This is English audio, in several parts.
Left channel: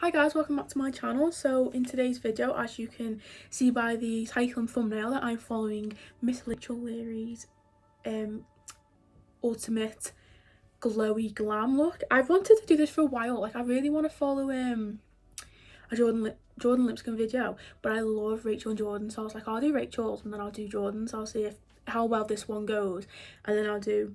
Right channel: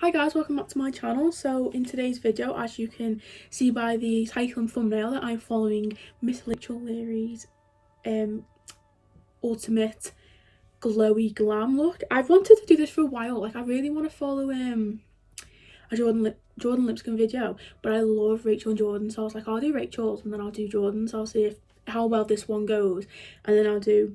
Hi guys, welcome back to my channel. So in today's video, as you can see by the title and thumbnail, that I'm following Miss Learys ultimate glowy glam look. I've wanted to do this for a while. Like, I really want to follow a Jordan Lipscomb video, but I love Rachel and Jordan, so I was like, I'll do Rachel's and then I'll do Jordan's. I'll see how well this one goes, and then I'll do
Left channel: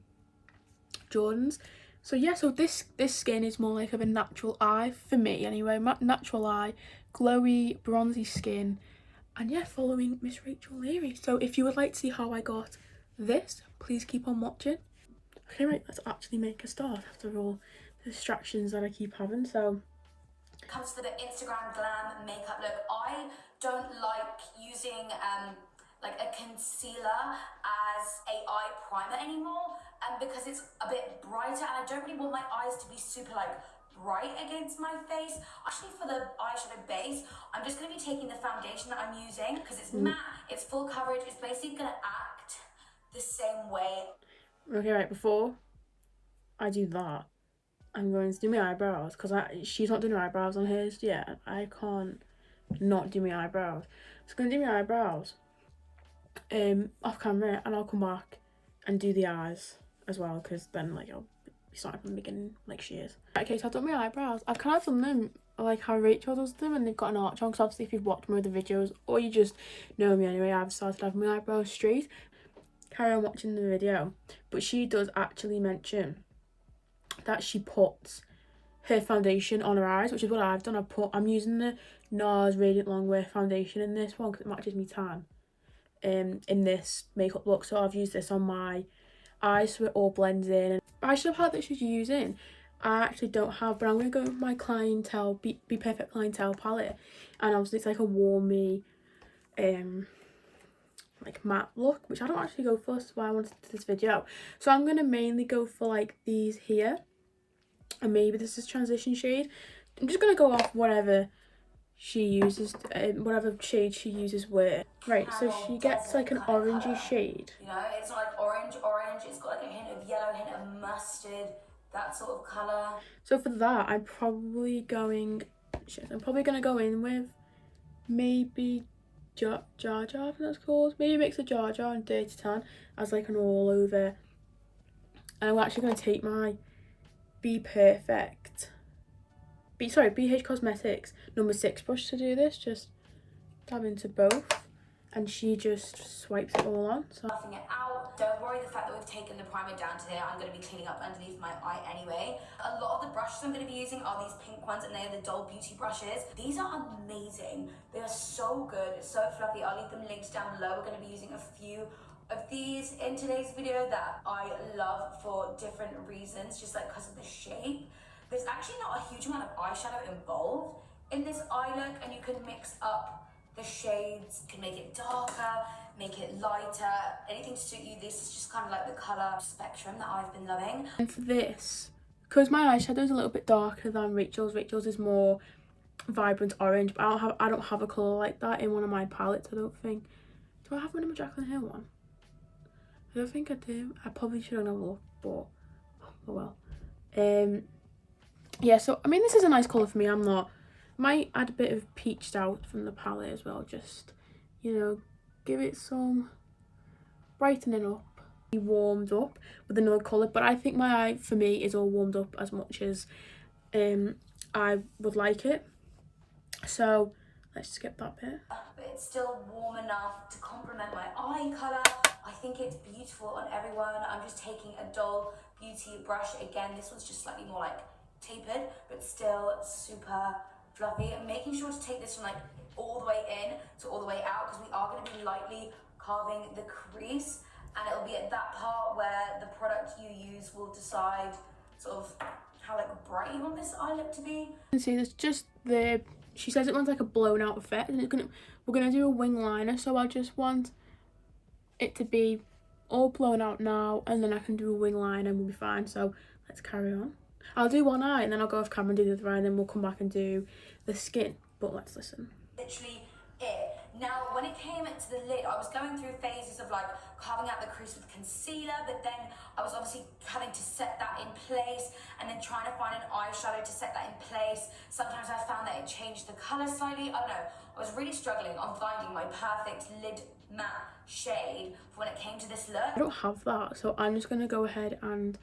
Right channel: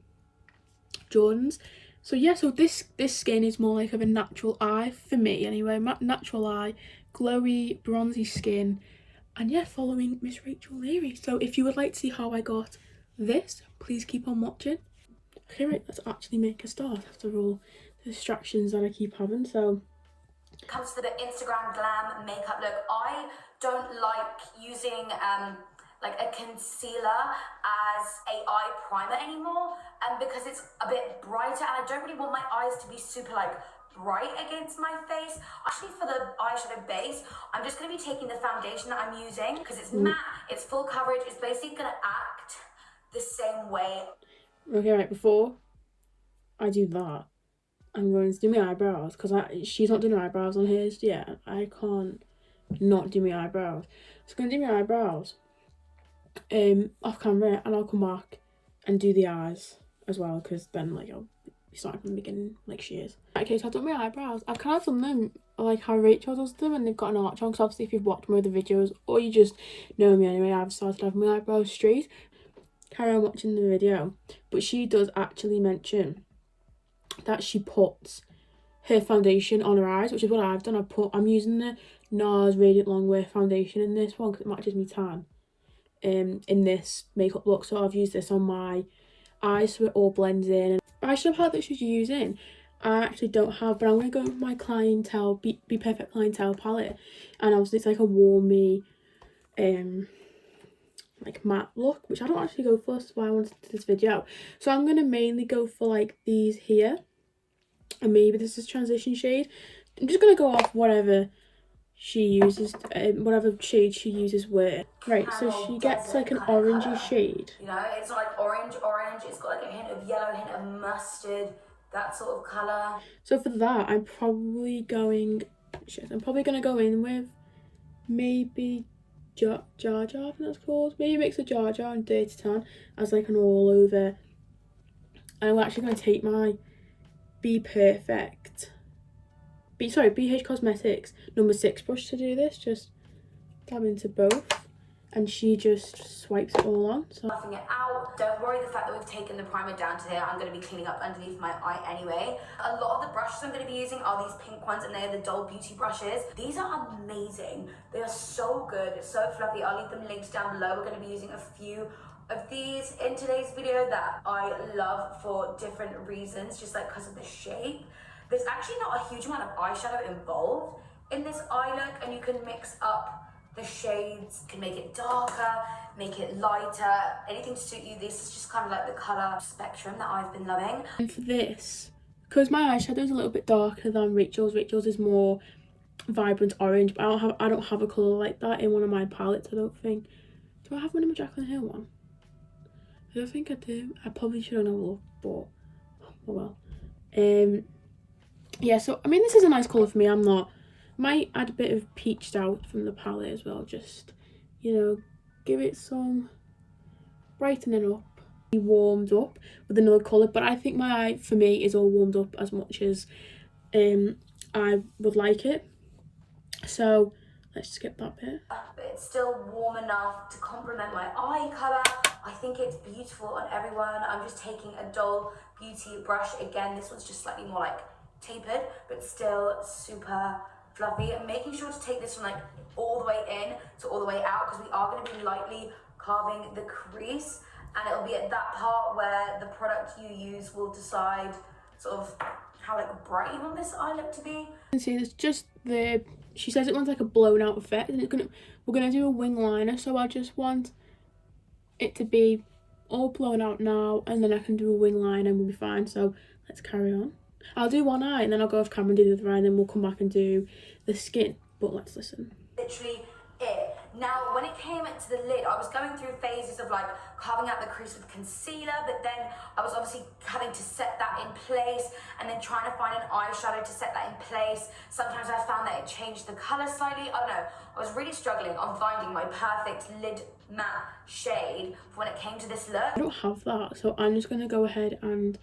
Jordan's. So yeah, so this skin is more like of a natural eye for me anyway. Natural eye, glowy, bronzy skin, and yeah, following Miss Rachel Leary. So if you would like to see how I got this, please keep on watching. Okay, right, let's actually make a start after all the distractions that I keep having. So comes to the Instagram glam makeup look, I don't like using like a concealer as a eye primer anymore, because it's a bit brighter and I don't really want my eyes to be super like bright against my face. Actually, for the eyeshadow base, I'm just going to be taking the foundation that I'm using because it's matte, it's full coverage, it's basically going to act the same way. okay, right, before I do that, I'm going to do my eyebrows because she's not doing her eyebrows on hers yet. I can't not do my eyebrows. So I'm going to do my eyebrows off camera, and I'll come back and do the eyes as well, because then like I'll be starting from the beginning like she is. Okay, so I've done my eyebrows. I've kind of done them like how Rachel does them, and they've got an arch on, because obviously if you've watched more of the videos or you just know me anyway, I've started having my eyebrows straight. Carry on watching the video. But she does actually mention that she puts her foundation on her eyes, which is what I've done. I'm using the Nars Radiant Longwear foundation in this one because it matches me tan in this makeup look. So I've used this on my eyes so it all blends in. And eyeshadow palette that she's using, I actually don't have, but I'm going to go with my Clientele, PBPerfect Clientele palette. And obviously it's like a warmy like matte look, which I don't actually go for, that's why I wanted to do this video. So I'm going to mainly go for like these here, and maybe this is transition shade. I'm just going to go off whatever she uses, whatever shade she uses where. Right, so she gets like an orangey shade. You know, it's not like orange, it's got like a hint of yellow, hint of mustard, that sort of colour. So for that, I'm probably going to go in with maybe Jar Jar, I think that's called. Maybe mix a Jar Jar and Dirty Tan as like an all over. And I'm actually going to take my BhCosmetics #6 brush to do this. Just dab into both, and she just swipes it all on. So buffing it out. Don't worry the fact that we've taken the primer down to here. I'm going to be cleaning up underneath my eye anyway. A lot of the brushes I'm going to be using are these pink ones, and they are the Doll Beauty brushes. These are amazing. They are so good, so fluffy. I'll leave them linked down below. We're going to be using a few of these in today's video that I love for different reasons, just like because of the shape. There's actually not a huge amount of eyeshadow involved in this eye look, and you can mix up the shades, can make it darker, make it lighter, anything to suit you. This is just kind of like the colour spectrum that I've been loving. And for this, because my eyeshadow is a little bit darker than Rachel's is more vibrant orange, but I don't have a colour like that in one of my palettes, I don't think. Do I have one in my Jaclyn Hill one? I don't think I do. I probably should have a look, but oh well. Yeah, so I mean, this is a nice colour for me. Might add a bit of peached out from the palette as well, just, you know, give it some brightening up. Warmed up with another colour, but I think my eye for me is all warmed up as much as I would like it. So let's skip that bit. But it's still warm enough to complement my eye colour. I think it's beautiful on everyone. I'm just taking a Doll Beauty brush again. This one's just slightly more like tapered, but still super fluffy. I'm making sure to take this from like all the way in to all the way out, because we are going to be lightly carving the crease, and it'll be at that part where the product you use will decide sort of how like bright you want this eye look to be. You can see there's just she says it wants like a blown out effect, and we're gonna do a wing liner, so I just want it to be all blown out now, and then I can do a wing liner and we'll be fine. So let's carry on. I'll do one eye and then I'll go off camera and do the other eye, and then we'll come back and do the skin. But let's listen. Literally it. Now, when it came to the lid, I was going through phases of like carving out the crease with concealer, but then I was obviously having to set that in place and then trying to find an eyeshadow to set that in place. Sometimes I found that it changed the color slightly. I don't know. I was really struggling on finding my perfect lid matte shade when it came to this look. I don't have that, so I'm just going to go ahead and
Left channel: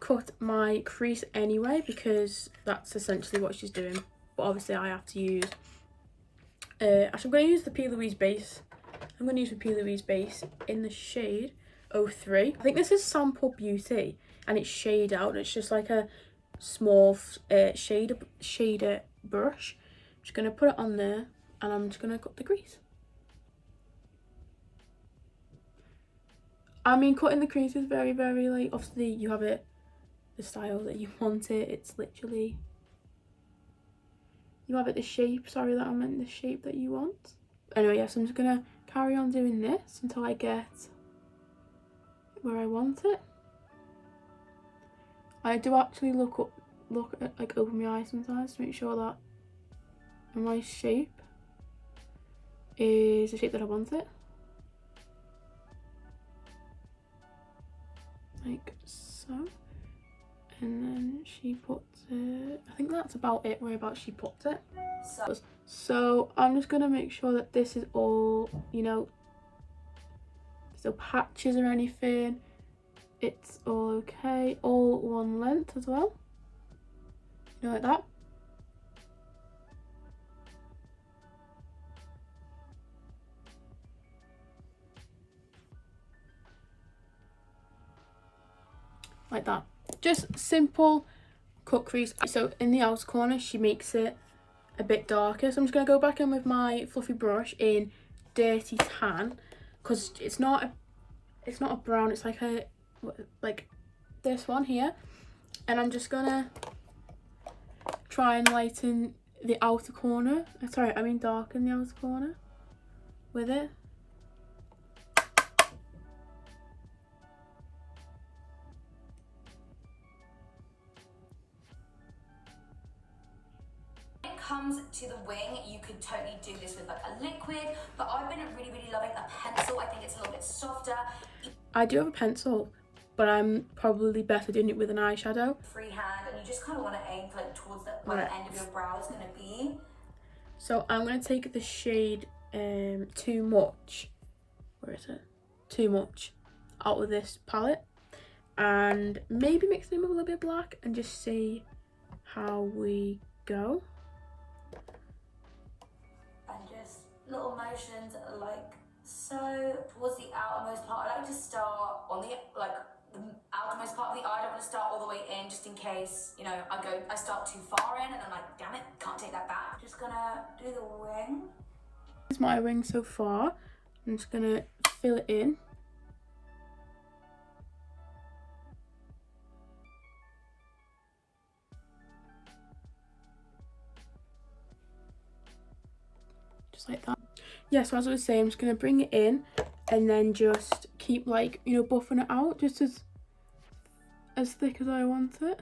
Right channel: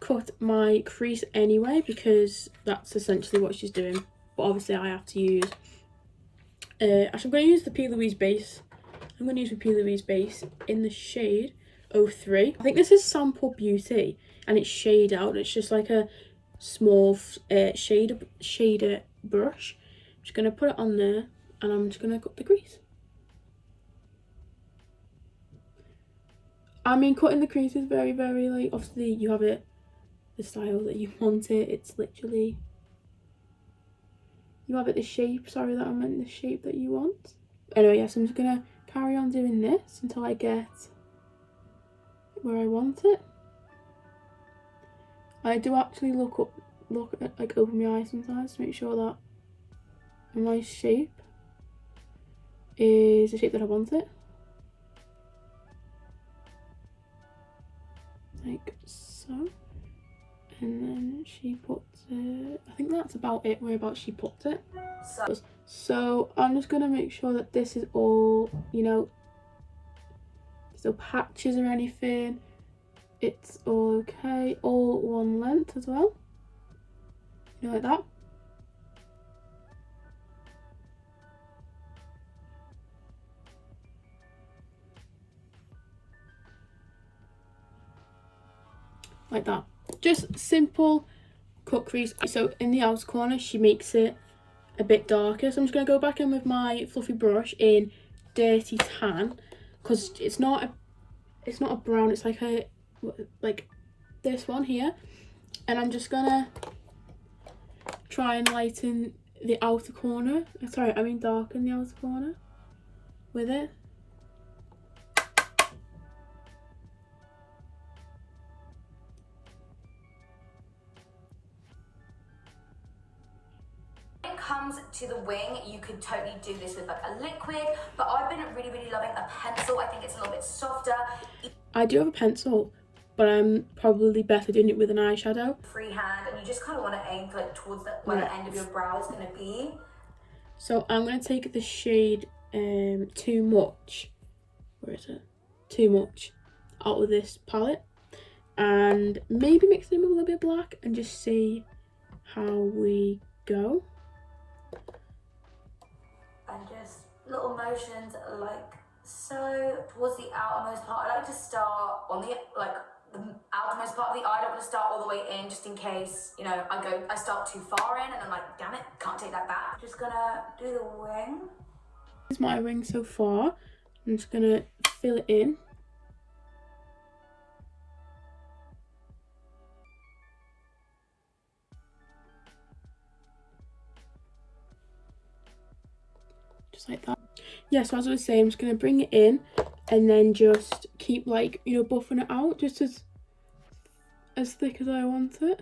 cut my crease anyway, because that's essentially what she's doing. But obviously I have to use actually I'm going to use the P.LOUISE base. I'm going to use the P.LOUISE base in the shade 03. I think this is Sample Beauty and it's shade out. It's just like a small shader brush. I'm just going to put it on there and I'm just going to cut the crease. I mean, cutting the crease is very, very, like, obviously you have it the style that you want it. It's literally, you have it the shape, sorry that I meant the shape that you want. Anyway, yes, I'm just gonna carry on doing this until I get where I want it. I do actually look at, like, open my eyes sometimes to make sure that my shape is the shape that I want it. Like so. And then she puts it, I think that's about it, whereabouts she puts it. So I'm just going to make sure that this is all, you know, there's no patches or anything. It's all okay. All one length as well. You know, like that. Like that. Just simple cut crease. So in the outer corner she makes it a bit darker, so I'm just going to go back in with my fluffy brush in Dirty Tan, because it's not a brown, it's like a, like this one here, and I'm just gonna try and lighten the outer corner, sorry I mean darken the outer corner with it. Comes to the wing, you could totally do this with like a liquid, but I've been really loving a pencil. I think it's a little bit softer. I do have a pencil, but I'm probably better doing it with an eyeshadow. Freehand, and you just kind of want to aim for like towards the where the end of your brow is going to be. So I'm going to take the shade Too Much, where is it? Too Much, out of this palette, and maybe mix it in with a little bit of black and just see how we go. And just little motions like so towards the outermost part. I like to start on the outermost part of the eye. I don't want to start all the way in, just in case, you know, I start too far in and I'm like, damn it, can't take that back. Just gonna do the wing. This is my wing so far. I'm just gonna fill it in. Just like that. Yeah, so as I was saying, I'm just going to bring it in and then just keep, like, you know, buffing it out just as thick as I want it.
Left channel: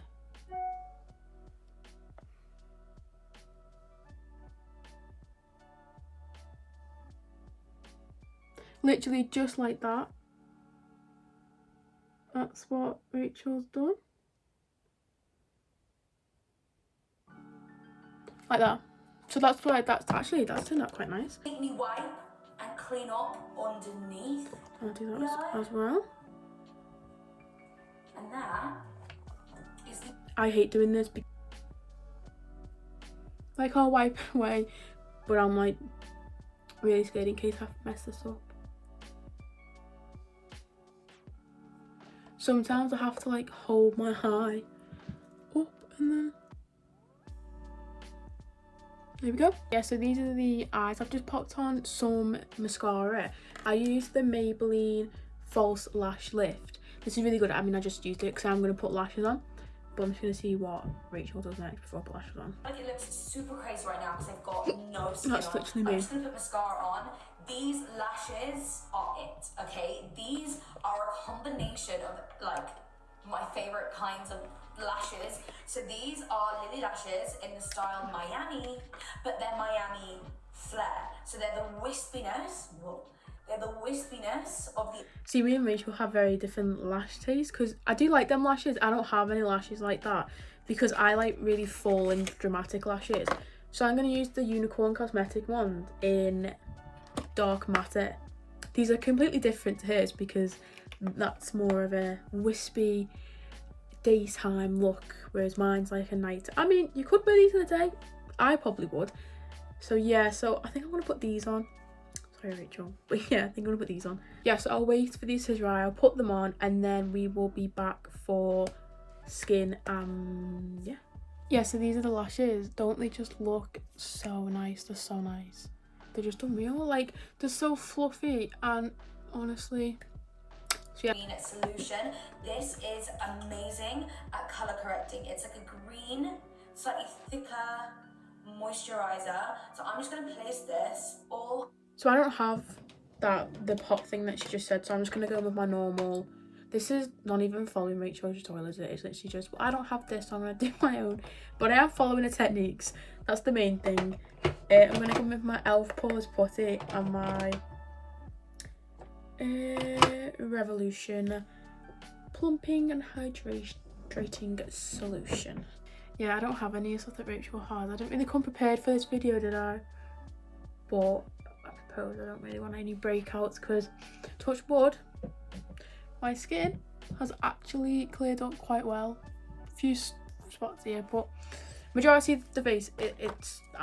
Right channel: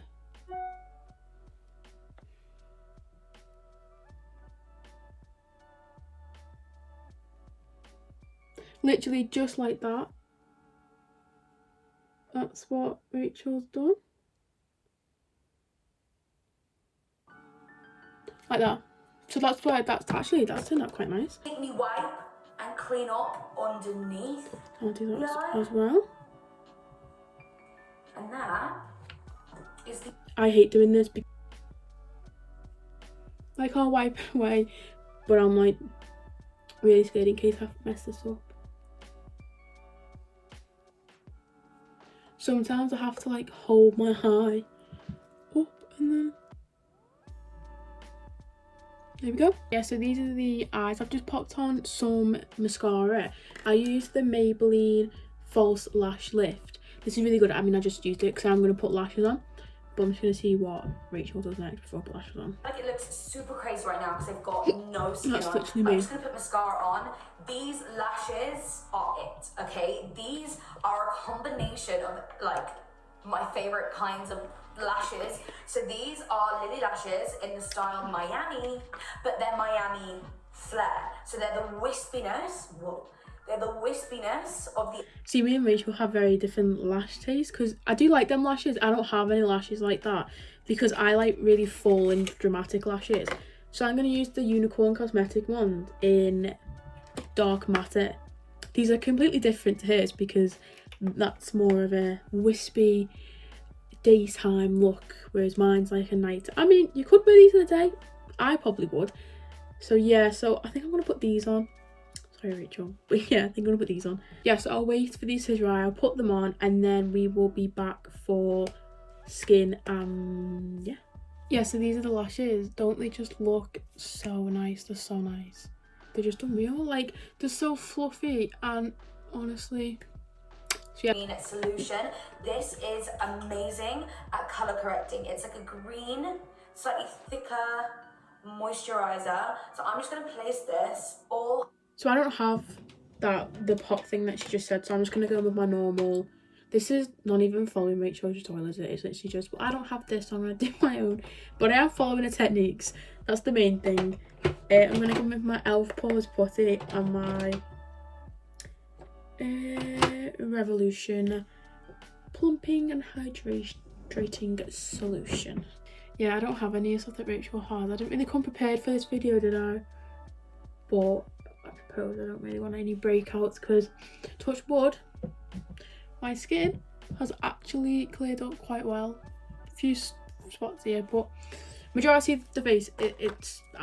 Literally just like that. That's what Rachel's done. Like that. So that's why that's turned out quite nice. Make me wipe and clean up underneath. I'll do that as well. And that is the... I hate doing this because, like, I'll wipe it away, but I'm like really scared in case I mess this up. Sometimes I have to like hold my eye up and then there we go. Yeah, so these are the eyes. I've just popped on some mascara. I used the Maybelline False Lash Lift. This is really good. I mean, I just used it because I'm going to put lashes on. But I'm just going to see what Rachel does next before I put lashes on. Like, it looks super crazy right now because they've got no skin That's on. literally me. I'm just going to put mascara on. These lashes are it, okay? These are a combination of, like, my favourite kinds of lashes. So these are Lily lashes in the style Miami, but they're Miami Flare. So they're the wispiness, They're the wispiness of the... See, me and Rachel have very different lash tastes, because I do like them lashes. I don't have any lashes like that because I like really full and dramatic lashes. So I'm going to use the Unicorn Cosmetic ones in Dark Matte. These are completely different to hers because that's more of a wispy daytime look, whereas mine's like a night. I mean, you could wear these in the day. I probably would. So yeah, so I think I'm going to put these on. Sorry, Rachel. But yeah, I think I'm going to put these on. Yeah, so I'll wait for these to dry. I'll put them on and then we will be back for skin. Yeah. Yeah, so these are the lashes. Don't they just look so nice? They're so nice. They're just unreal. Like, they're so fluffy and honestly... So yeah. Solution. This is amazing at color correcting. It's like a green, slightly thicker moisturizer. So I'm just going to place this all... So I don't have the pot thing that she just said, so I'm just going to go with my normal. This is not even following Rachel's tutorials, it is literally just, I don't have this, so I'm going to do my own. But I am following the techniques, that's the main thing. I'm going to go with my e.l.f. Poreless Putty and my Revolution Plumping and Hydrating Solution. Yeah, I don't have any stuff that Rachel has. I didn't really come prepared for this video, did I? But I suppose I don't really want any breakouts because, touch wood, my skin has actually cleared up quite well. A few spots here, but majority of the face,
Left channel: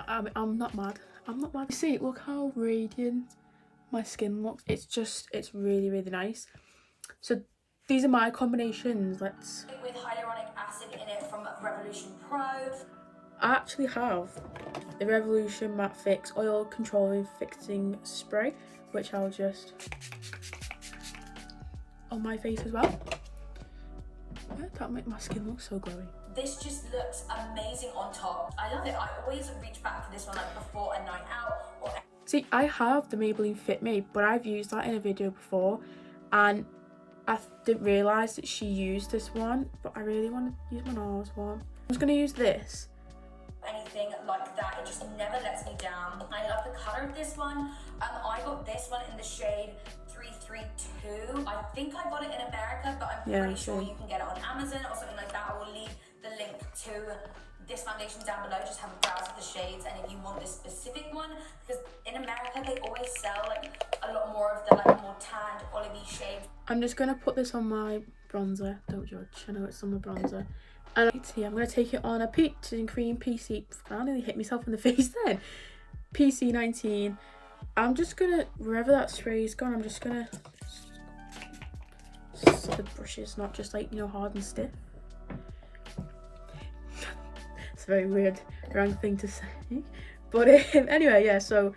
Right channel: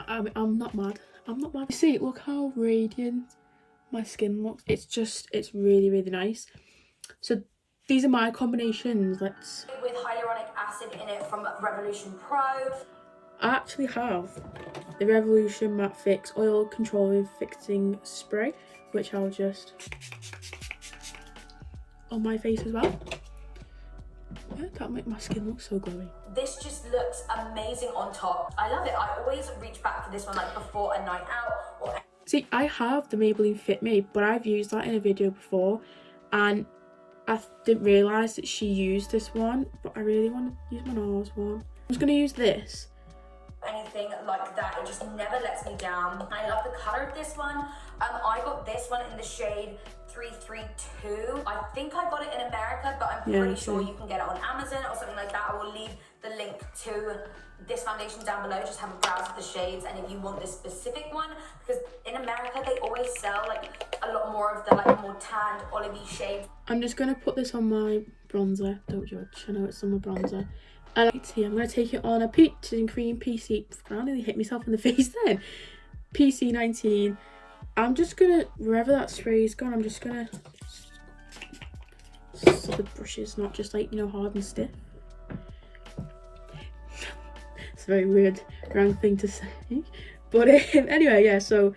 I'm not mad. I'm not mad. You see, look how radiant my skin looks. It's really, really nice. So these are my combinations. Let's... With hyaluronic acid in it from Revolution Pro. I actually have the Revolution Matte Fix Oil Controlling Fixing Spray, which I'll just on my face as well. Yeah, that make my skin look so glowy. This just looks amazing on top. I love it. I always reach back for this one like before a night out. Or... See, I have the Maybelline Fit Me, but I've used that in a video before and I didn't realise that she used this one, but I really want to use my Nars one. I'm just going to use this. Anything like that, it just never lets me down. I love the colour of this one. I got this one in the shade 332. I think I got it in America, but I'm pretty sure you can get it on Amazon or something like that. I will leave the link to this foundation down below. Just have a browse of the shades, and if you want this specific one, because in America they always sell like a lot more of the like more tanned olivey shades. I'm just gonna put this on my bronzer. Don't judge, I know it's on my bronzer. And I'm gonna take it on a peach and cream PC. I nearly hit myself in the face then. PC19. I'm just gonna, wherever that spray is gone, I'm just gonna so the brush is not just like, you know, hard and stiff. It's a very weird, wrong thing to say. But anyway, yeah, so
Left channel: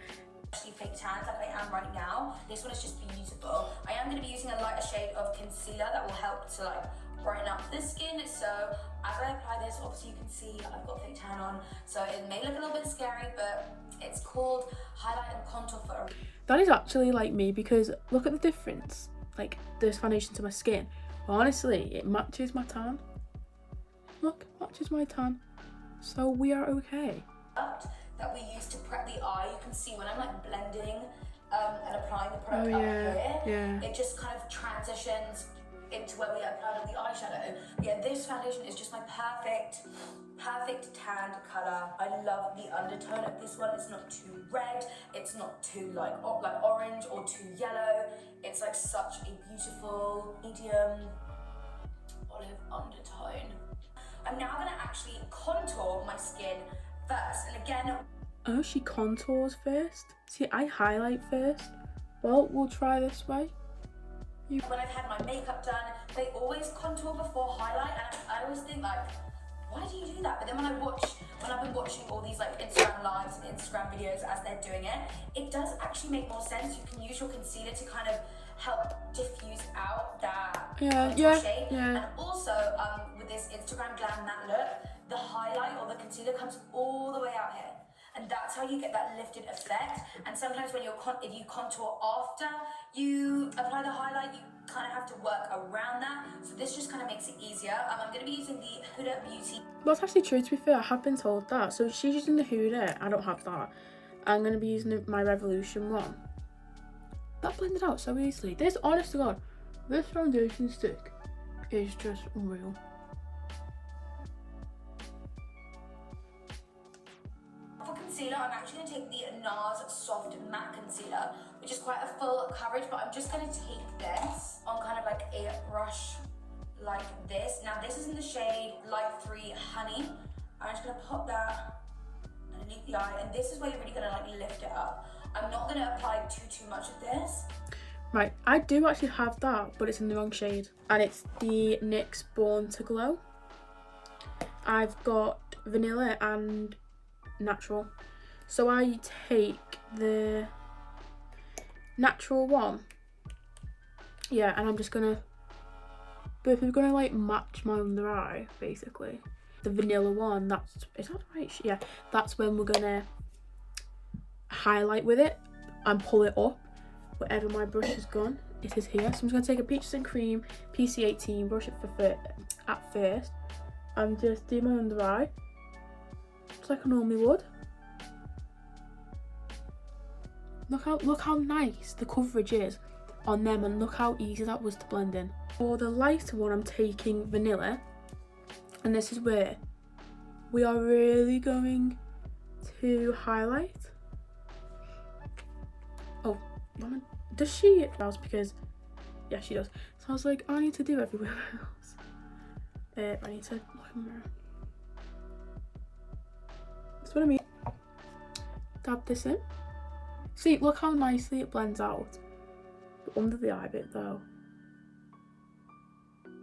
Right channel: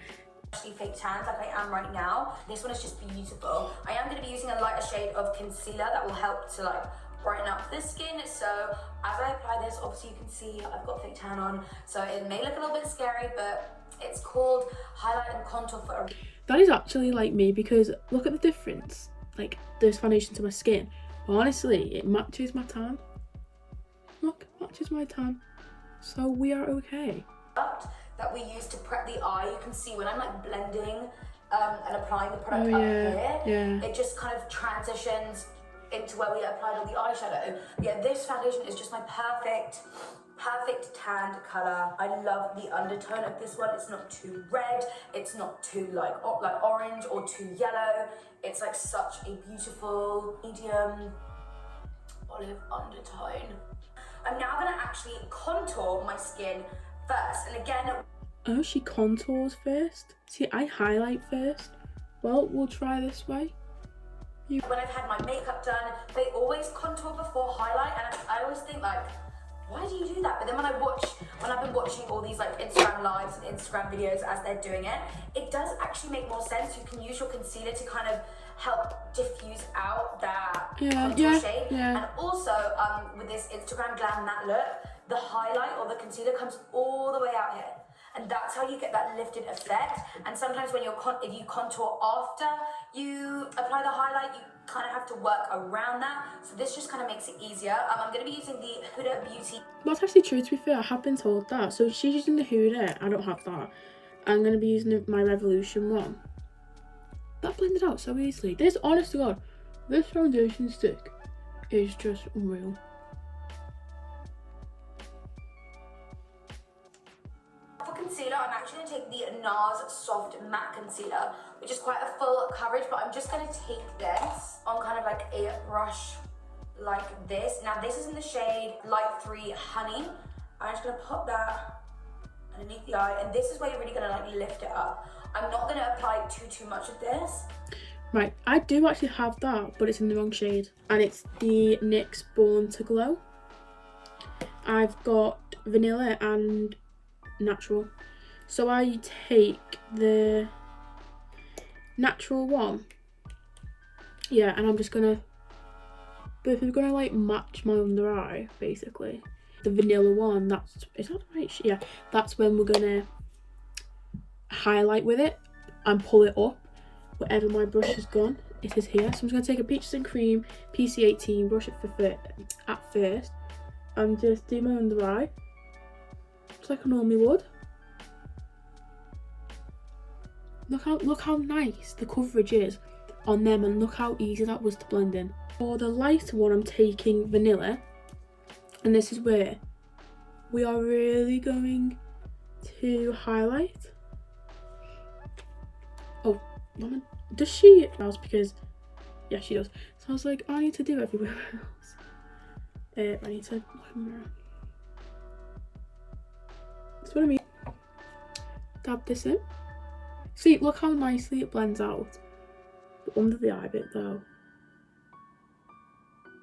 fake tans like I am right now. This one is just beautiful. I am going to be using a lighter shade of concealer that will help to like brighten up the skin. So as I apply this, obviously you can see I've got fake tan on, so it may look a little bit scary, but it's called Highlight and Contour for a... That is actually like me, because look at the difference, like this foundation to my skin. Honestly, it matches my tan. Look, matches my tan. So we are okay. That we use to prep the eye. You can see when I'm like blending and applying the product up here, it just kind of transitions into where we applied all the eyeshadow. Yeah, this foundation is just my perfect tanned color. I love the undertone of this one. It's not too red, it's not too like orange or too yellow. It's like such a beautiful medium olive undertone. I'm now gonna actually contour my skin first, and again, oh, she contours first. See, I highlight first. Well, we'll try this way. When I've had my makeup done, they always contour before highlight, and I always think like, why do you do that? But then when I've been watching all these like Instagram lives and Instagram videos as they're doing it, it does actually make more sense. You can use your concealer to kind of help diffuse out that contour shade. And also with this Instagram glam matte look, the highlight or the concealer comes all the way out here, and that's how you get that lifted effect. And sometimes when if you contour after you apply the highlight, you kind of have to work around that, so this just kind of makes it easier. I'm going to be using the Huda Beauty. That's actually true, to be fair. I have been told that. So she's using the Huda, I don't have that. I'm going to be using my Revolution one. That blended out so easily. This, honest to God, this foundation stick is just unreal. For concealer, I'm actually going to take the Nars Soft Matte Concealer, which is quite a full coverage, but I'm just going to take this on kind of like a brush like this. Now this is in the shade Light 3 Honey. I'm just going to pop that underneath the eye, and this is where you're really going to like lift it up. I'm not going to apply too much of this. Right, I do actually have that, but it's in the wrong shade, and it's the NYX Born to Glow. I've got vanilla and natural, so I take the natural one, yeah, and I'm just gonna, but if we're gonna like match my under eye, basically, the vanilla one, is that the right? Yeah, that's when we're gonna highlight with it and pull it up wherever my brush has gone. It is here, so I'm just gonna take a Peaches and Cream PC18, brush it at first, and just do my under eye just like I normally would. Look how nice the coverage is on them, and look how easy that was to blend in. For the lighter one, I'm taking vanilla, and this is where we are really going to highlight. Oh, does she? Because yeah, she does. So I was like, I need to do everywhere else. I need to look in the mirror. That's what I mean. Dab this in. See, look how nicely it blends out. But under the eye bit though.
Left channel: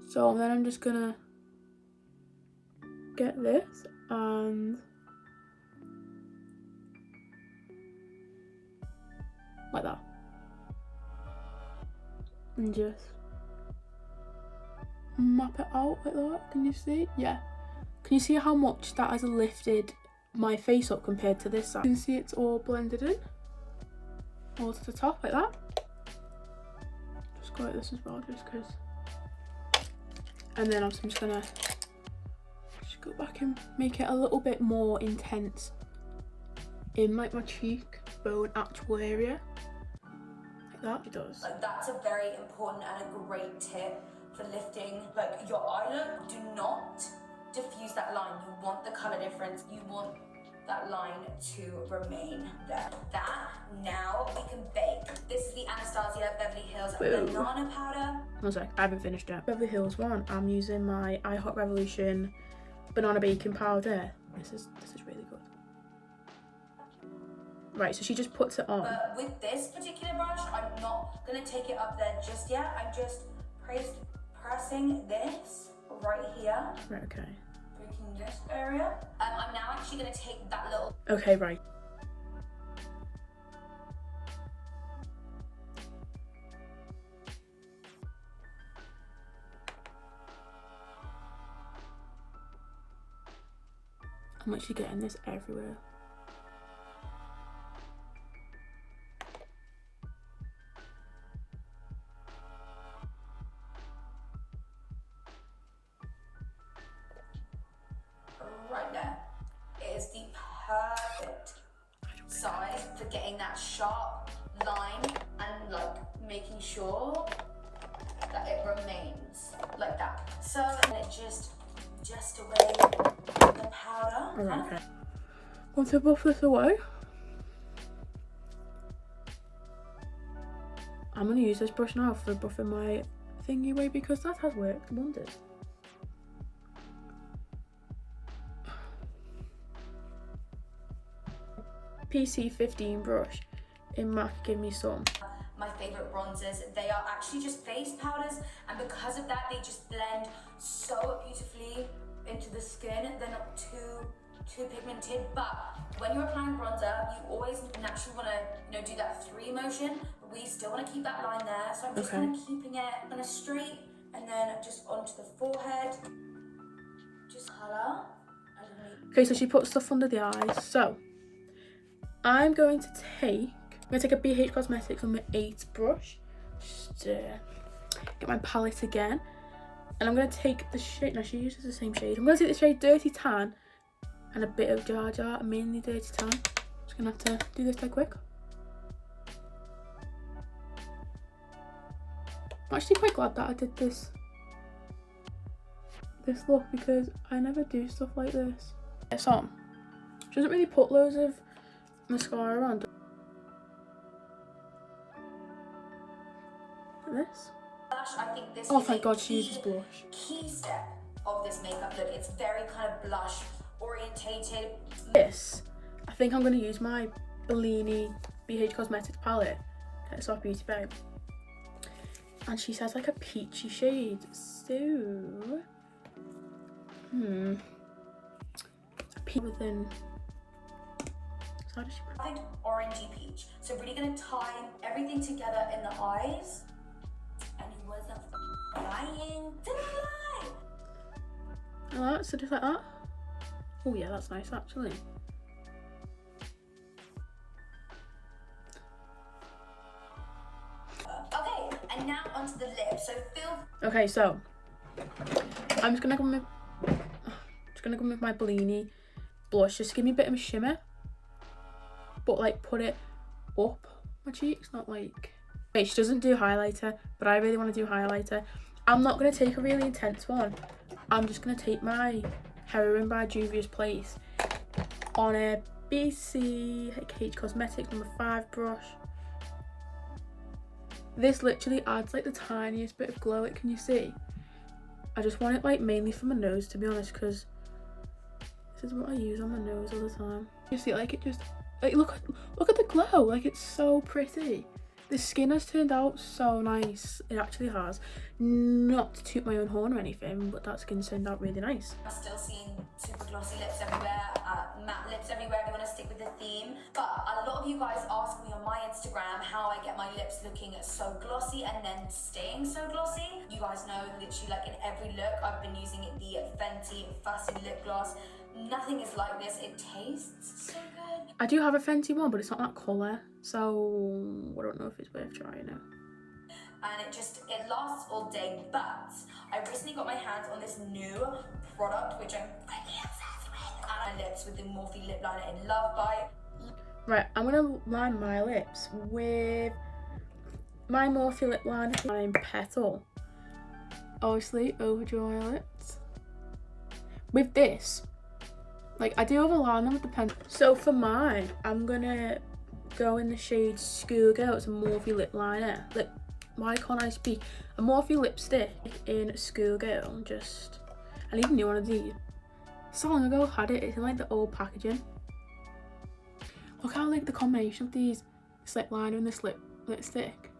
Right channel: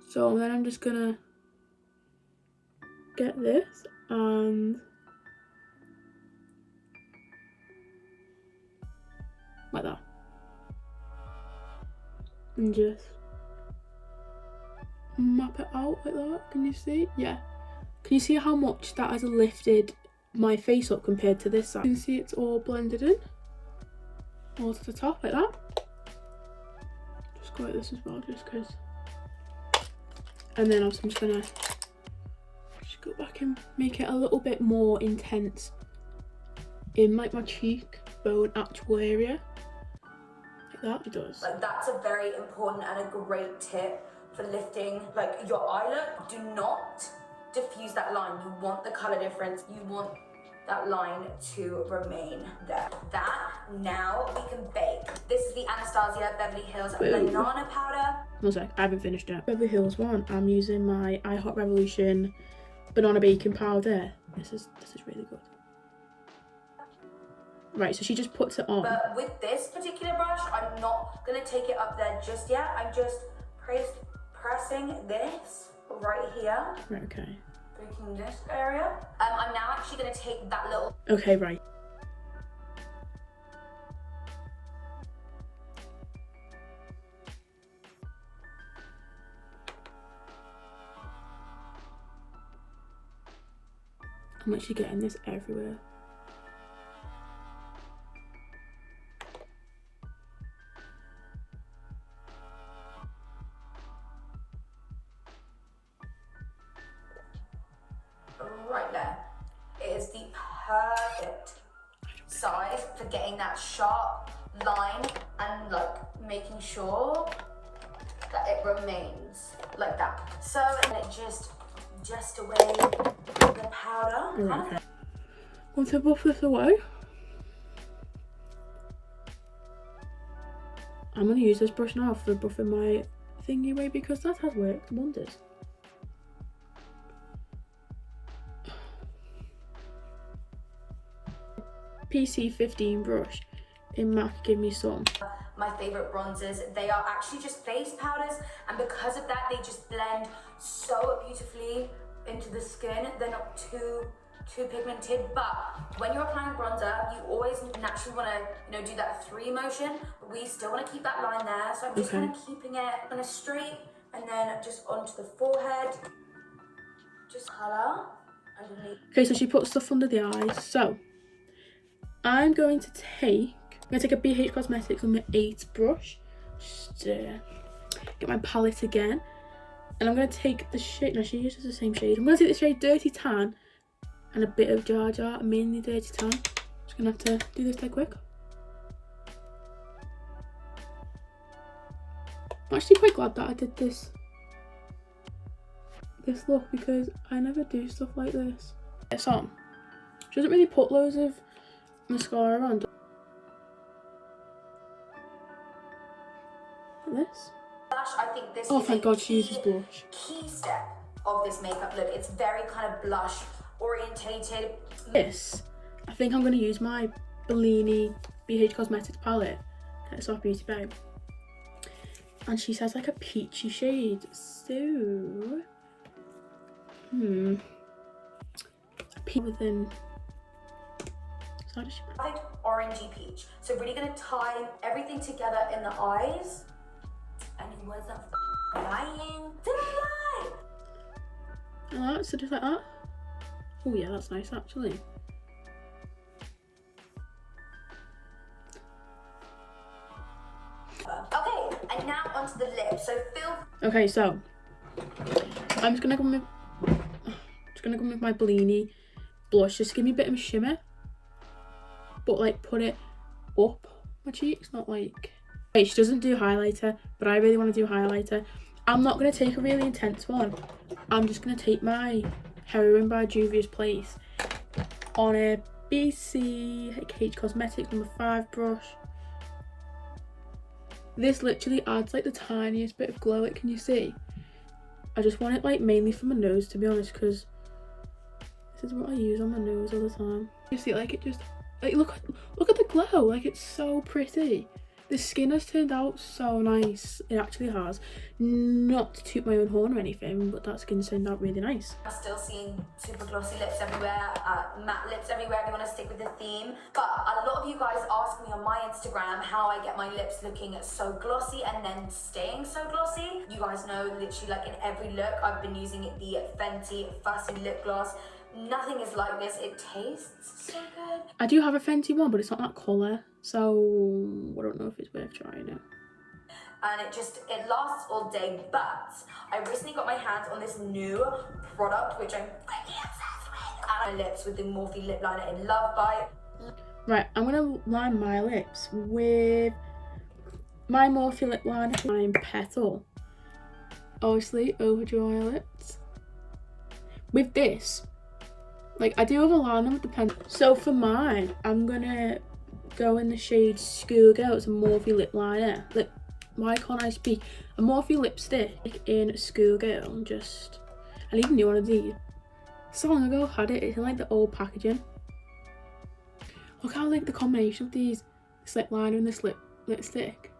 So then I'm just gonna get this and like that. And just map it out like that. Can you see? Yeah. Can you see how much that has lifted my face up compared to this side? You can see it's all blended in. All to the top like that. Just go like this as well, just because. And then I'm just gonna just go back and make it a little bit more intense in like my cheek bone actual area. Like that, it does. Like that's a very important and a great tip for lifting like your eye look. Do not diffuse that line. You want the color difference. You want that line to remain there. That, now we can bake. This is the Anastasia Beverly Hills Banana Powder. One sec, I haven't finished it. Beverly Hills one, I'm using my iHot Revolution Banana Baking Powder. This is really good. Right, so she just puts it on. But with this particular brush, I'm not gonna take it up there just yet. I'm just pressing this right here. Right, okay. Baking this area. I'm now actually gonna take that little. Okay, right. I'm actually getting this everywhere. Right there. It is the perfect size for getting that sharp line and like making sure that it remains like that. So, and it just away the powder. Alright, okay. Want to buff this away? I'm gonna use this brush now for buffing my thingy away because that has worked wonders. PC15 brush in MAC give me some. My favorite bronzers, they are actually just face powders, and because of that they just blend so beautifully into the skin. They're not too pigmented, but when you're applying bronzer you always naturally want to do that 3 motion, but we still want to keep that line there. So I'm just kind of keeping it kind of straight, and then just onto the forehead, just color underneath. Okay, so she puts stuff under the eyes. So I'm going to take a BhCosmetics number 8 brush. Just get my palette again. And I'm going to take the shade, no, she uses the same shade. I'm going to take the shade Dirty Tan and a bit of Jar Jar, mainly Dirty Tan. Just going to have to do this dead quick. I'm actually quite glad that I did this look because I never do stuff like this. It's on. She doesn't really put loads of mascara on. This. I think this oh, is thank God she uses key, blush. Key step of this makeup look. It's very kind of blush orientated. This, I think I'm going to use my Bellini BhCosmetics palette. It's off Beauty Babe. And she says like a peachy shade. So, a peach within. So how does she put I think orangey peach. So really going to tie everything together in the eyes. And it wasn't lying. Didn't lie. like that? So just like that. Oh yeah, that's nice actually. Okay, and now onto the lips. So fill. Okay, so I'm just gonna go with my Bellini blush. Just give me a bit of a shimmer, but like put it up my cheeks, not like. Okay, she doesn't do highlighter, but I really want to do highlighter. I'm not gonna take a really intense one. I'm just gonna take my Heroine by Juvias Place on a BhCosmetics number 5 brush. This literally adds like the tiniest bit of glow. Can you see? I just want it like mainly for my nose, to be honest, because this is what I use on my nose all the time. You see, like it just like look at the glow. Like it's so pretty. The skin has turned out so nice. It actually has. Not to toot my own horn or anything, but that skin's turned out really nice. I'm still seeing super glossy lips everywhere, matte lips everywhere if you want to stick with the theme. But a lot of you guys ask me on my Instagram how I get my lips looking so glossy and then staying so glossy. You guys know literally like in every look I've been using the Fenty Fussy lip gloss. Nothing is like this. It tastes so good. I do have a Fenty one, but it's not that colour, so I don't know if it's worth trying it. And it lasts all day, but I recently got my hands on this new product which I'm really obsessed with. And my lips with the Morphe lip liner in Love Bite. Right, I'm gonna line my lips with my Morphe lip liner in Petal. Obviously, overdraw my lips. With this, like I do overline them with the pen. So for mine, I'm gonna go in the shade Schoolgirl. It's a Morphe lip liner. Why can't I speak? A Morphe lipstick in Schoolgirl. I need a new one of these. So long ago I had it. It's in like the old packaging. Look how like the combination of this lip liner and this lipstick.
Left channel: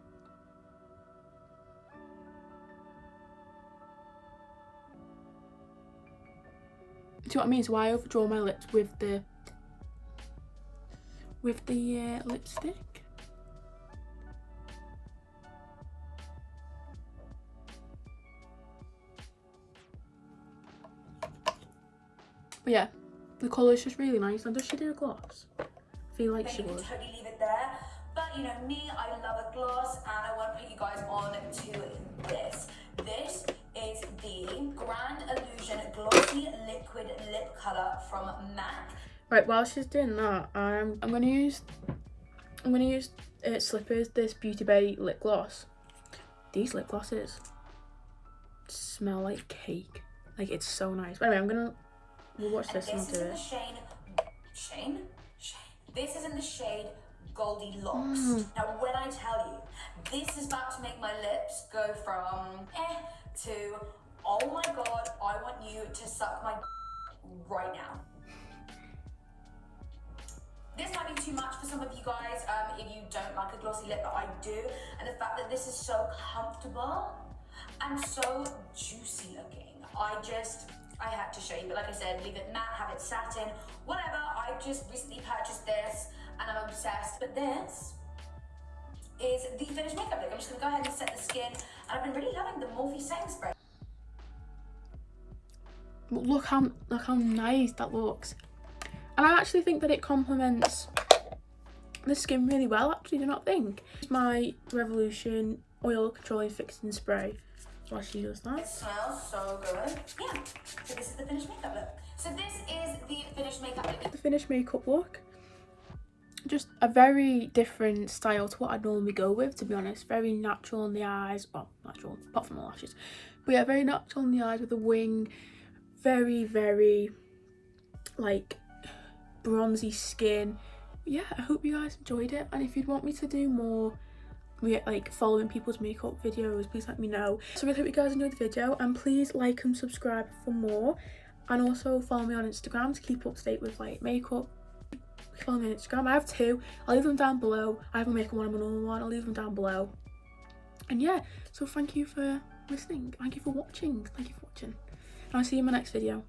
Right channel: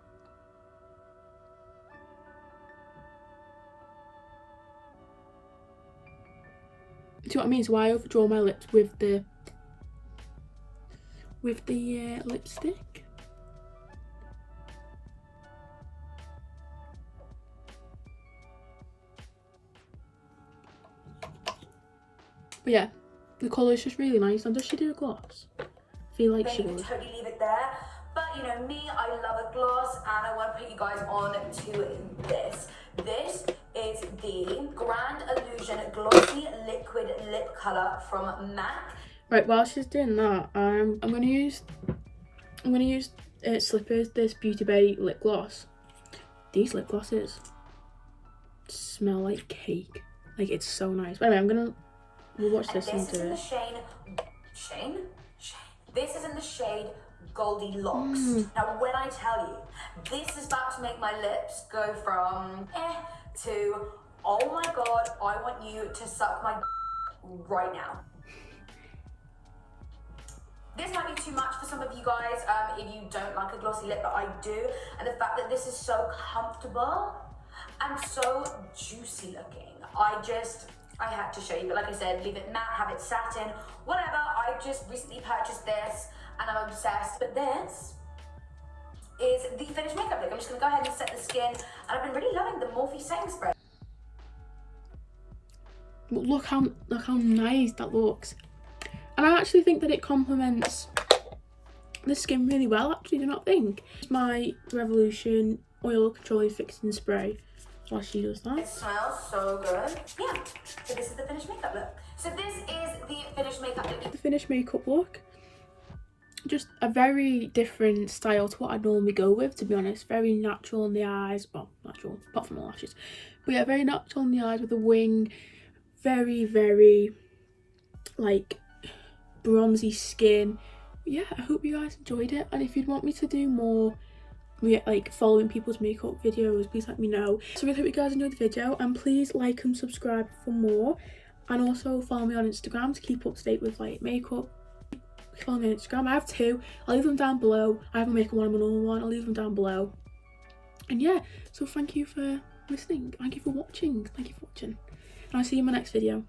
Do you know what I mean? So I overdraw my lips with the lipstick. But yeah, the colour is just really nice. And does she do a gloss? I feel like she would. Totally leave it there. But you know me, I love a gloss, and I want to put you guys on to this. This is the Grand Illusion Glossy Liquid Lip Colour from MAC. Right, while she's doing that, I'm gonna use Slippers, this Beauty Bay lip gloss. These lip glosses smell like cake. Like it's so nice. But anyway, we'll watch this and I'll do it. This is in the shade Goldilocks. Now when I tell you, this is about to make my lips go from to, oh my God, I want you to suck my right now. This might be too much for some of you guys if you don't like a glossy lip, but I do. And the fact that this is so comfortable and so juicy looking. I had to show you, but like I said, leave it matte, have it satin, whatever. I just recently purchased this and I'm obsessed. But this is the finished makeup look. I'm just gonna go ahead and set the skin, and I've been really loving the Morphe setting spray. Look how nice that looks. And I actually think that it complements the skin really well, actually, do you not think? My Revolution Oil Controlling Fixing Spray while she does that. It smells so good. Yeah, so this is the finished makeup look. So this is the finished makeup look. The finished makeup look. just a very different style to what I normally go with, to be honest. Very natural on the eyes, well, natural apart from the lashes, but yeah, very natural on the eyes with a wing, very like bronzy skin. Yeah, I hope you guys enjoyed it, and if you'd want me to do more like following people's makeup videos, please let me know. So I really hope you guys enjoyed the video, and please like and subscribe for more, and also follow me on Instagram to keep up to date with like makeup. Follow me on Instagram. I have 2. I'll leave them down below. I have a makeup one and a normal one. I'll leave them down below. And yeah, so thank you for listening. Thank you for watching. And I'll see you in my next video.